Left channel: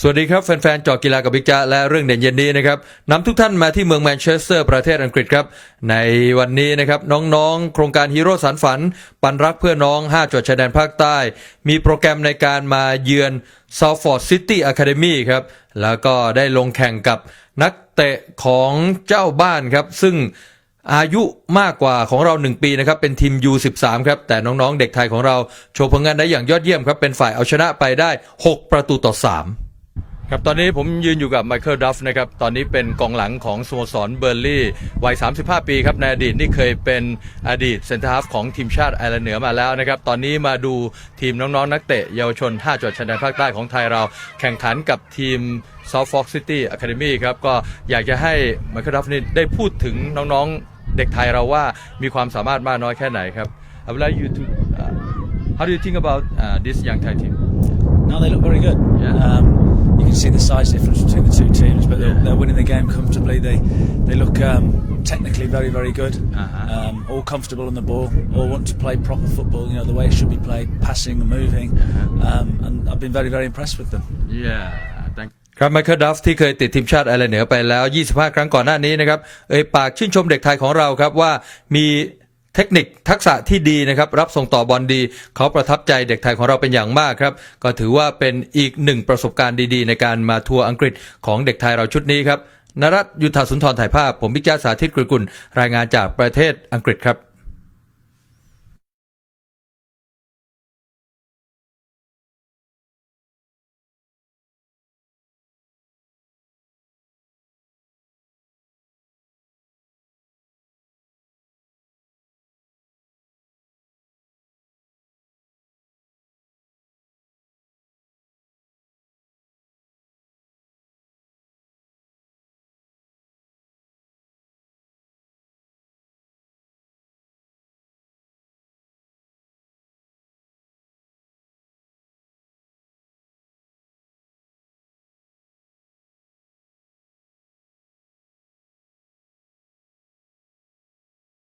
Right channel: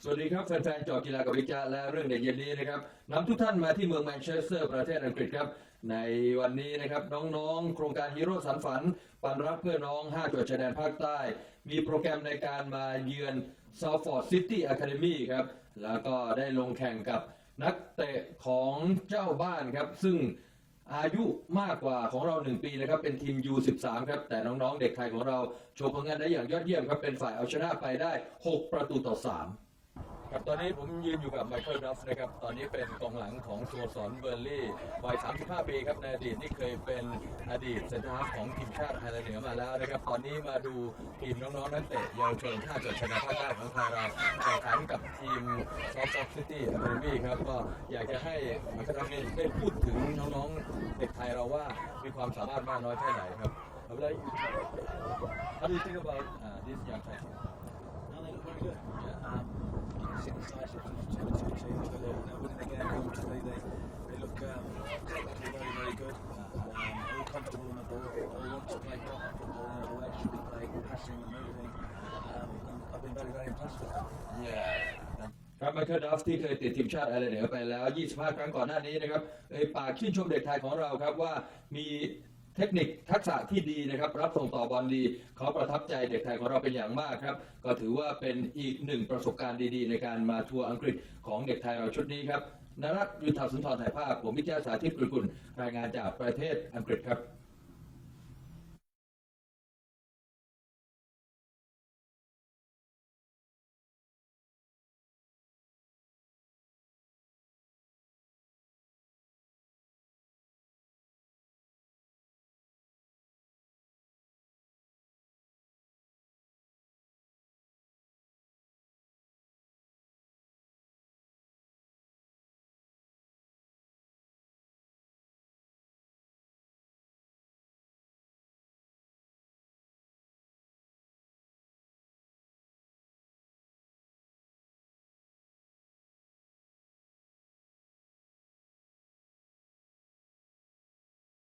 สวัสดีครับ แฟนๆจอกีฬากับบิ๊กจ๊ะและเรื่องเด่นเย็นนี้นะครับนำทุกท่านมาที่เมืองแมนเชสเตอร์ประเทศอังกฤษครับ ในวันนี้นะครับน้องๆ โครงการฮีโร่สารฝัน ปันรักเพื่อน้อง 5จังหวัดชายแดนภาคใต้ มีโปรแกรมในการมาเยือน Salford City Academy ครับ แล้วก็ได้ลงแข่งกับนักเตะของเจ้าบ้านครับ ซึ่งอายุมากกว่าของเรา 1 ปีนะครับ เป็นทีม U13 ครับ แต่น้องๆ เด็กไทยของเราโชว์ผลงานได้อย่างยอดเยี่ยมครับเป็นฝ่ายเอาชนะไปได้ 6 ประตูต่อ 3 ครับตอนนี้ผมยืนอยู่กับไมเคิลดัฟนะครับตอนนี้เป็นกองหลังของสโมสรเบอร์ลี่วัย 35 ปีครับในอดีตนี่เคยเป็นอดีตเซนเตอร์ฮาฟของทีมชาติไอร์แลนด์เหนือมาแล้วนะครับตอนนี้มาดูทีมน้องๆนักเตะเยาวชน 5จังหวัดชายแดนภาคใต้ของไทยเรา แข่งขันกับทีม South Fox City Academy ครับก็อยากจะให้ไมเคิลดัฟนี่ได้พูดถึงน้องๆเด็กไทยเราว่ามีความสามารถมากน้อยแค่ไหนครับ I would like you to how do you think about uh, this young Thai team No, they look very good. Yeah. Um, you can see the size difference between the two teams, but they're, Yeah. they're winning the game comfortably. They they look um, technically very very good. Uh-huh. Um, all comfortable on the ball. All want to play proper football. You know the way it should be played, passing and moving. Uh-huh. Um, and I've been very very impressed with them. Yeah thank ครับไมเคิลดัฟที่เคยติดทีมชาติไอร์แลนด์เหนือไปแล้ว 25 ครั้งก่อนหน้านี้นะครับ เอ่ยปากชื่นชมเด็กไทยของเราครับว่ามี เทคนิคทักษะที่ดีนะครับรับส่งต่อบอลดี เขาประทับใจเด็กไทยของเราเป็นอย่างมากครับ ก็ถือว่าเป็นอีกหนึ่งประสบการณ์ดีๆ ในการมาทัวร์อังกฤษของเด็กไทยเราชุดนี้ครับนรัตยุทธสุนทรถ่ายภาพ ผมพิจ้าสาธิตกรุกุลรายงานจากประเทศอังกฤษครับ